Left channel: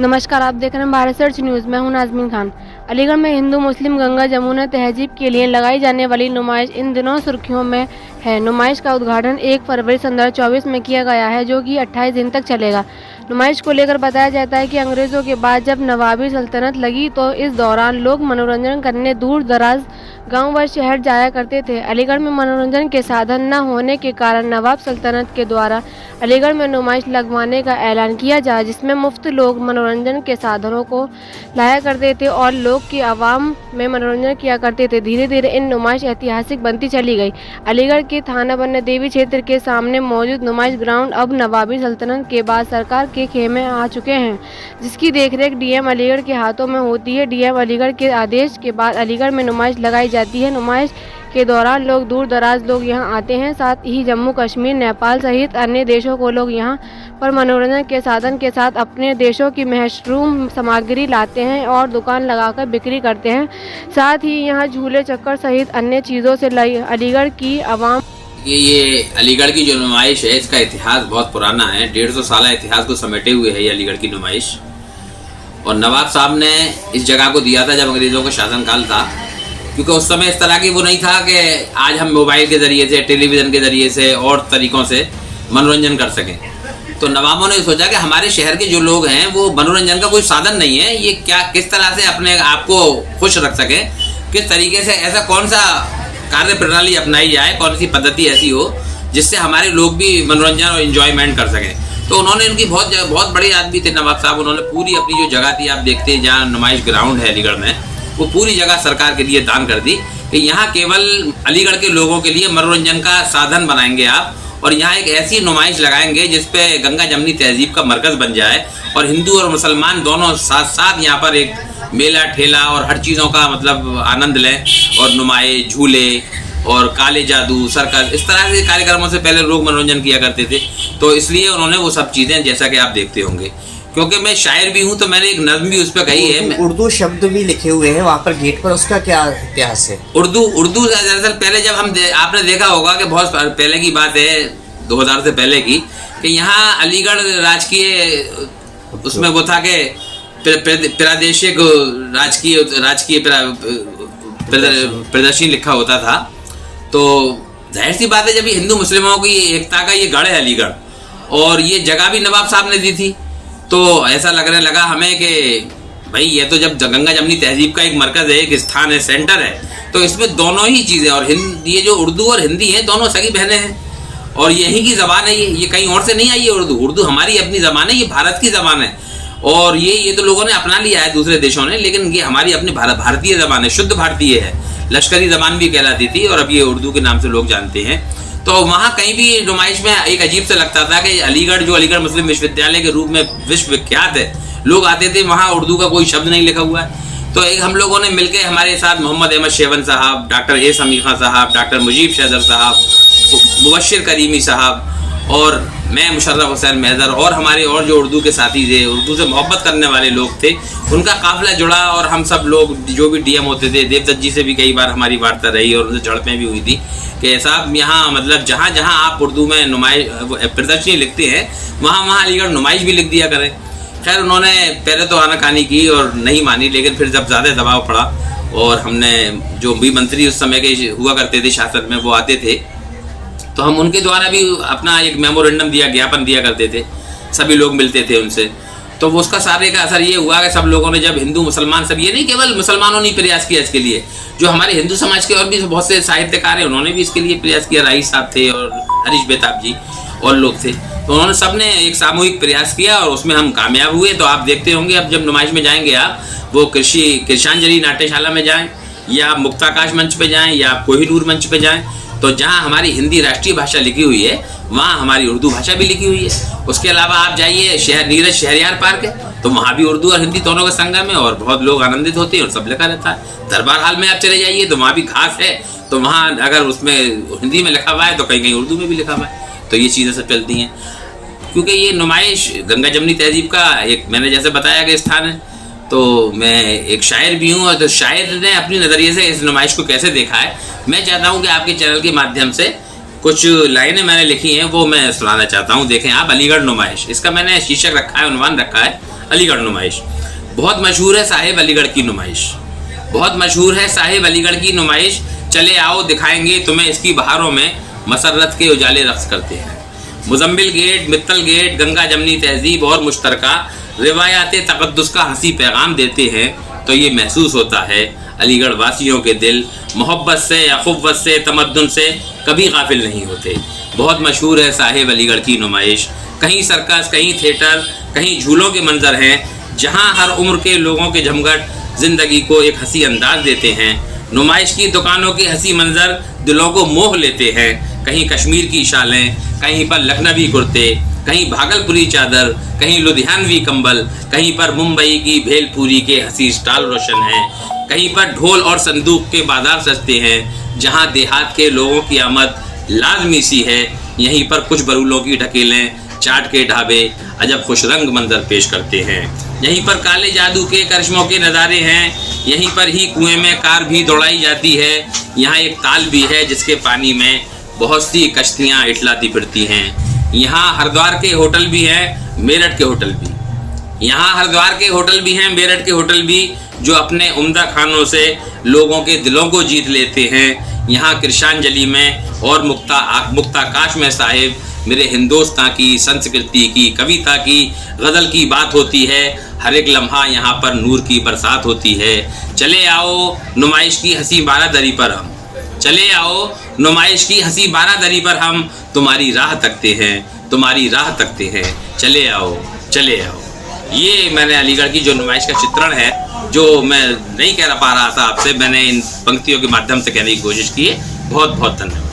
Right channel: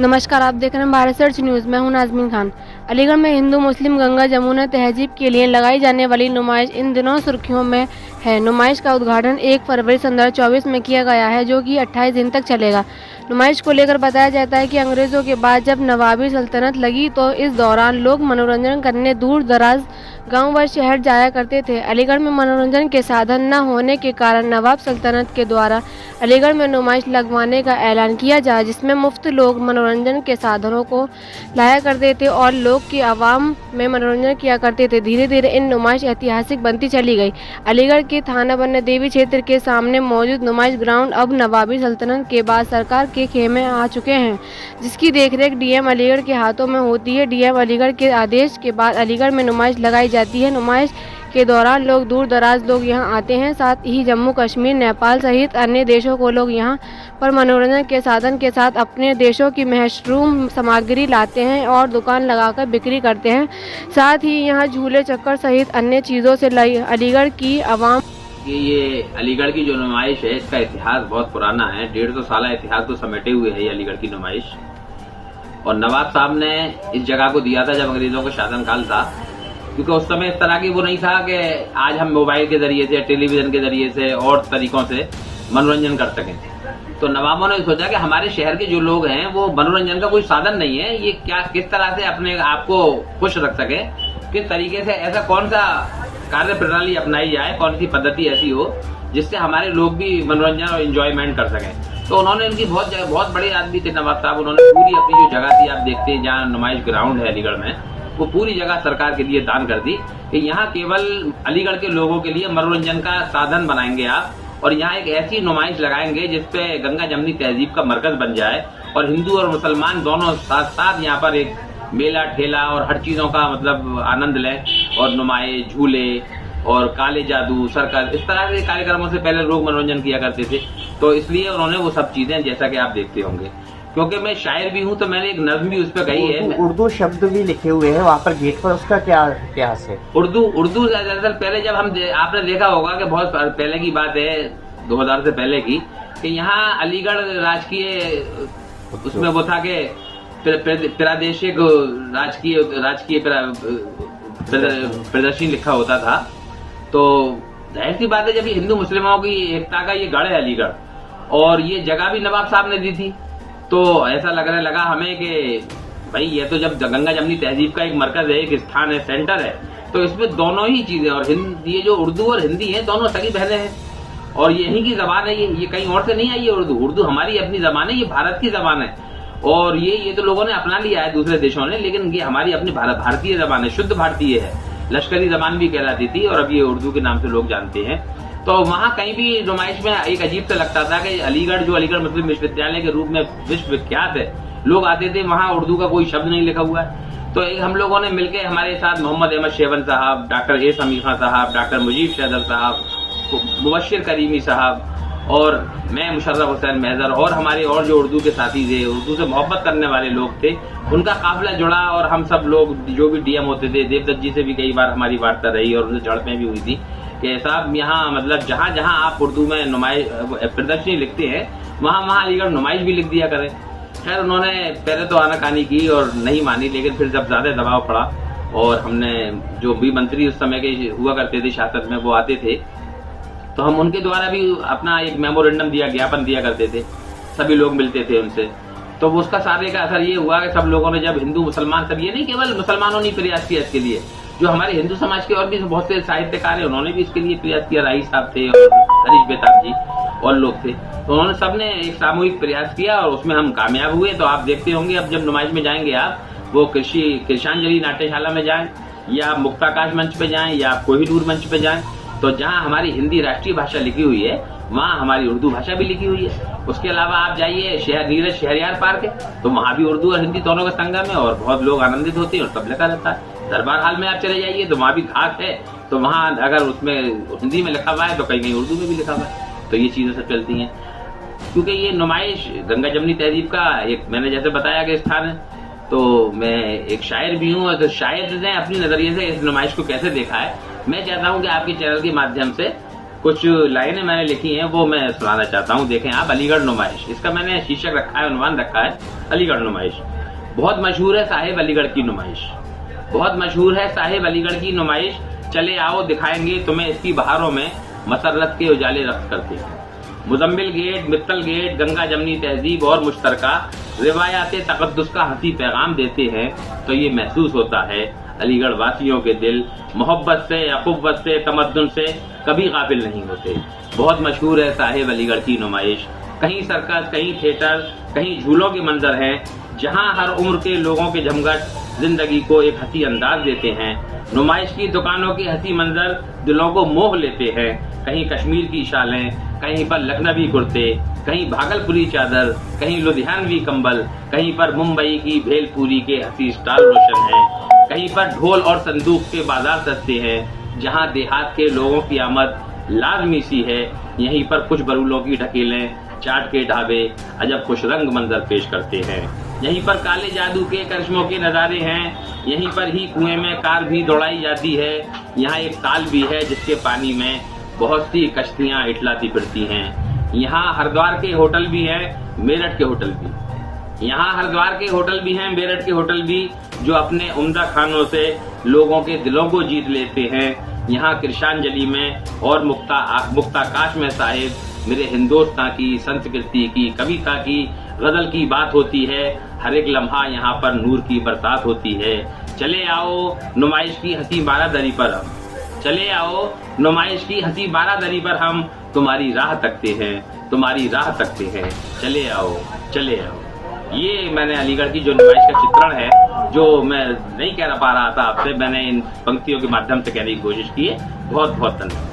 नमस्कार, आप देख रहे हैं भारत सर्च न्यूज़। मैं हूं नाज़मीन खान। अलीगढ़ में हिंदू मुस्लिम गंगा जमुना तहजीब के लिए लगाई जाने वाली नुमाइश इन दिनों सुर्खियों में है। नुमाइश का उद्घाटन 1 फरवरी 2024 में किया गया है, जो कि 28 दिन तक चलेगा। नुमाइश को लेकर बताया जाता है कि अंग्रेज़ों के बाद जब नवाबी सल्तनत लगी तो इस दौरान लोग मनोरंजन करने दूर दराज गाँव व शहर जाया करते थे। अलीगढ़ में मनोरंजन के साधन न होने के कारण नवाब सल्तनत के द्वारा अलीगढ़ में नुमाइश लगवाने का ऐलान किया जाए, जिसमें मुफ्त लोग मनोरंजन के साधनों को लाया करते थे और लोग की आवाम में मनोरंजन किया करते थे। धीरे धीरे इन नुमाइश ऐतिहासिक बनती चली गई। अलीगढ़ के थाना बन्ना देवी क्षेत्र के सामने मौजूद नुमाइश ग्राउंड अब नवाबी सल्तनत के बाद सरकार के खेमे आ चुके हैं, जिसकी देखरेख डीएम अलीगढ़ के हाथों में होती है। डीएम अलीगढ़ के आदेश के बाद अलीगढ़ में नुमाइश लगाई जाती है। नुमाइश के दौरान लोग दूर दराज लोग यहां आते हैं, साथ ही जम्मू कश्मीर, नेपाल सहित अन्य देशों को लोग यहां पर मनोरंजन के साधन के साथ अपने देशों की मशरूम सामग्री लाते हैं और दुकान लगाकर बिक्री करते हैं। साथ ही यहां झूले चक्कर सहित अन्य चीज़ों से अलीगढ़ की आवाम ये अलीगढ़ की जो नुमाइश है, इसका इतिहास बहुत पुराना है। 150 साल इतिहास को समेटे हुए है ये अलीगढ़ की नुमाइश। और नवाब साहब ने इस जगह को दिया था जब अंग्रेज़ों का शासनकाल था, क्योंकि उस समय इस तरह की वो नहीं था कि आज हम मोबाइल के ज़रिए से, टेलीविज़न के ज़रिए से और तरीक़ों से मनोरंजन कर सकें। तो नवाबों ने सोचा कि हमारे शहर के जो लोग हैं वो मनोरंजन का कोई साधन नहीं है, ये क्या किस तरह से अपने आप को खुश रख सकें, किस तरीके से ऐसा कौन सा कार्य प्रणाली अपनाई जाए, कौन सी पद्धति ऐसी हो जिससे हमारे लोग भी मनोरंजन और इन्जॉयमेंट कर सकें। तो उन्होंने इनकी बहुत बड़े आदमी थे नवाब साहब, उन्होंने पूरी अपनी जो जगह थी, आप देखते हैं जहाँ नुमाइश ग्राउंड है अलीगढ़ में, वो पूरी जगह सरकार के लिए दान कर दी कि यहाँ केवल अलीगढ़ के लोगों के लिए मनोरंजन का साधन बनाएंगे आप, और यहाँ एक ऐसी नुमाइश लगाएंगे जिसपे गंगा जमनी तहजीब का मरकज़ बन जाए और हिंदू और मुसलमान दोनों साथ साथ यहाँ पर एक मेला ठेला और हर चीज़ों का मतलब आनंद लें। और नुमाइश, झूले और काले जादू, सर्कस, इस तरह के कार्यक्रमों से पहले लोग मनोरंजन किया करते थे। तो इसलिए उन्होंने वो सब चीज़ें, जैसा कि आप देखते होंगे, क्योंकि मैं शायर भी हूँ तो मैंने एक नज़्म भी उस पर कही है। उर्दू शब्द भी लिखे हुए हैं वहाँ पर गेट पर, उसका क्या इतिहास है? उर्दू दरअसल पहले जब आपने देखा होगा कि बहुत पहले की बात है, 2000 से पहले की, कि यहाँ अलीगढ़ राजकीय उसमें वो था कि प्रादेशिक राजकीय प्रदर्शनी लिखा होता था। तो जाहिर सी बात है, जब ये हिंदू मुस्लिमों की एकता का ये गढ़ है अलीगढ़, और ये जगह भी नवाब साहब ने दी थी, तो ऐसा लगने लगा हमें कि भाई ये तो जब गंगा जमनी तहजीब का एक मरकज़ है, एक स्थान है, सेंटर है, तो इसमें दोनों ही चीज़ें, और ये जो उर्दू और हिंदी हैं दोनों सगी बहनें हैं, और यहीं की ज़बान है। ये कहीं और से नहीं आई है। उर्दू हमारी अपनी ज़बान है, ये भारत की ज़बान है। और ये तो लोगों ने अपना लिया है दूसरे देशों ने, लेकिन ये हमारी अपनी भारतीय ज़बान है, शुद्ध भारतीय है। लश्करी ज़बान भी कहलाती थी और अब ये उर्दू के नाम से लोग जानते हैं। तो वहाँ कहीं भी नुमाइश में एक अजीब सा लगता था कि अलीगढ़, जो अलीगढ़ मुस्लिम विश्वविद्यालय के रूप में विश्व विख्यात है, लोग आते थे, वहाँ उर्दू का कोई शब्द नहीं लिखा हुआ है। तो एक हम लोगों ने मिलकर, हमारे साथ मोहम्मद अहमद शेवन साहब, डॉक्टर ए समीखा साहब, डॉक्टर मुजीब शहदर साहब, मुबश्शिर करीमी साहब और मैं मुशर्रफ हुसैन महज़र, और हमारे और जो उर्दू के साथी थे, उर्दू से मोहब्बत करने वाले लोग थे, उनका काफ़िला जुड़ा। और हम सब लोग जो भी डीएम होते थे, देवदत्त जी से भी कई बार हमारी वार्ता रही और उनसे झड़पें भी हुई थी कि साहब यहाँ मतलब जहाँ जहाँ आप उर्दू में नुमाइश प्रदर्शनी लिखते हैं, वहाँ अलीगढ़ नुमाइश भी लिख दिया करें। खैर उन्होंने पहले तो आनाकानी की और नहीं मानी, लेकिन फिर जब ज़्यादा दबाव पड़ा और हमने, जो भी मंत्री उस समय के हुआ करते थे शासन में, वो आते थे, तो हम उनके द्वारा भी अपना एक मेमोरेंडम ज्ञापन दिया करते थे, सभी लोग मिलते थे उनसे। तो उसका सारे का असर ये हुआ कि सब लोगों ने, जब हिंदू मुसलमान सब, ये नहीं केवल मुसलमानों ने प्रयास किया इसके लिए, जो हमारे हिंदू समाज के और भी बहुत से साहित्यकार हैं, उन्होंने भी इसके लिए प्रयास किया। राही साहब थे और हरीश बेताब जी और लोग थे, तो उन्होंने सब ने एक सामूहिक प्रयास किया और उसमें हम कामयाब हुए। तो आप देखते होंगे, अब जब नुमाइश में जाएंगे आप, वो कृषांजलि नाट्यशाला में जाएँ, या आप मुक्ताकाश मंच पे जाएँ, या आप कोहिनूर मंच पे जाएँ, तो जहाँ हमारी हिंदी राष्ट्रीय भाषा लिखी हुई है, वहाँ हमारी उर्दू भाषा भी लिखी हुई है। उसके अलावा आप जाइए नीरज शहरयार पार्क है, तो वहाँ भी उर्दू और हिंदी दोनों का संगम है और बहुत लोग आनंदित होते हैं और सब लिखा रहता है। दरबार हाल में आप चले जाइए तो वहाँ भी घास है, तो वहाँ अगर उसमें हिंदी में लिखा हुआ है तो कहीं कहीं उर्दू में भी लिखा हुआ है। तो ये चीज़ें सब चलती हैं, क्योंकि ये नुमाइश गंगा जमनी तहजीब का एक, मैंने जैसे बताया कि स्थान है। तो मैं एक शायर भी हूँ, और तो शायर ने अपनी नज़रिए से इस नुमाइश को कैसे देखा है, मैं चाहता हूँ कि आपके चैनल के माध्यम से कुछ लाइनें मैंने लिखी हैं वो मैं सुनाना चाहता हूँ। देखें आप, अलीगढ़ नुमाइश, इसका मैंने शीर्षक रखा है, उन्वान रखा है अलीगढ़ नुमाइश। बहुत मशहूर है साहिब अलीगढ़ की नुमाइश, बहुत मशहूर है साहिब अलीगढ़ की नुमाइश। चले आओ दिखाएंगे तुम्हें इसकी बहारों में मसरत के उजाले रक्स करते हैं। मुजम्मिल गेट, मित्तल गेट, गंगा जमनी तहजीब और मुश्तरका रिवायात तक़द्दुस का हंसी पैगाम देते हैं तो ये महसूस होता है अलीगढ़ वासियों के दिल मोहब्बत से, अख़ुव्वत से, तमद्दुन से कभी गाफिल नहीं होते। बहुत मशहूर है साहिब अलीगढ़ की नुमाइश। कहीं सर्कस, कहीं थिएटर, कहीं झूलों के मंजर हैं जहां हर उम्र के लोगों के जमघट ज़िंदगी को एक हंसी अंदाज देते हैं। नुमाइश की दुकानों के हंसी मंजर दिलों को मोह लेते हैं। कहीं कश्मीर की शालें, कहीं पर लखनवी कुर्ते, कहीं भागलपुरी चादर, कहीं लुधियानवी कंबल, कहीं पर मुंबई की भेलपुरी के हंसी स्टॉल रोशन हैं, कहीं पर ढोल और संदूक के बाजार सजते हैं। जहां देहात के लोगों की आमद लाजमी सी है, यहीं पर कुछ बरूलों की ढकेलें, चाट के ढाबे अजब खुश रंग मंजर पेश करते हैं। यहीं पर काले जादू के करिश्मों के नज़ारे हैं, यहीं पर ही कुएं में कार भी दौड़ाई जाती है। यहाँ एक ताल भी है जिसके पानी में बहुत सी कश्तियाँ इटलाती फिरती हैं। यहाँ हरिद्वार के होटल भी हैं, मेरठ के होटल भी। यहाँ हरिद्वार के होटल भी हैं, मेरठ के होटल भी, जो अपने उम्दा खानों से लोगों के दिलों को जीत लेते हैं। यहाँ कृषांजलि में और मुक्ताकाश में साहिब मेरे हिंदुस्तान की संस्कृति की, कविता की, गज़ल की बात होती है। हर एक लम्हा यहाँ पर नूर की बरसात होती है। चले आओ नुमाइश की हंसी बारादरी पर हम, चले आओ नुमाइश की हंसी बारादरी पर हम तुम्हारी राह तकते हैं, तुम्हारी राह तकते हैं। चले आओ, चले आओ। ये मैंने अलीगढ़ की जो नुमाइश का चित्रण है, जो मैं नहीं कह पा रहा था आपसे, मैंने इन पंक्तियों के माध्यम से कहने की कोशिश की है। बहुत बहुत धन्यवाद।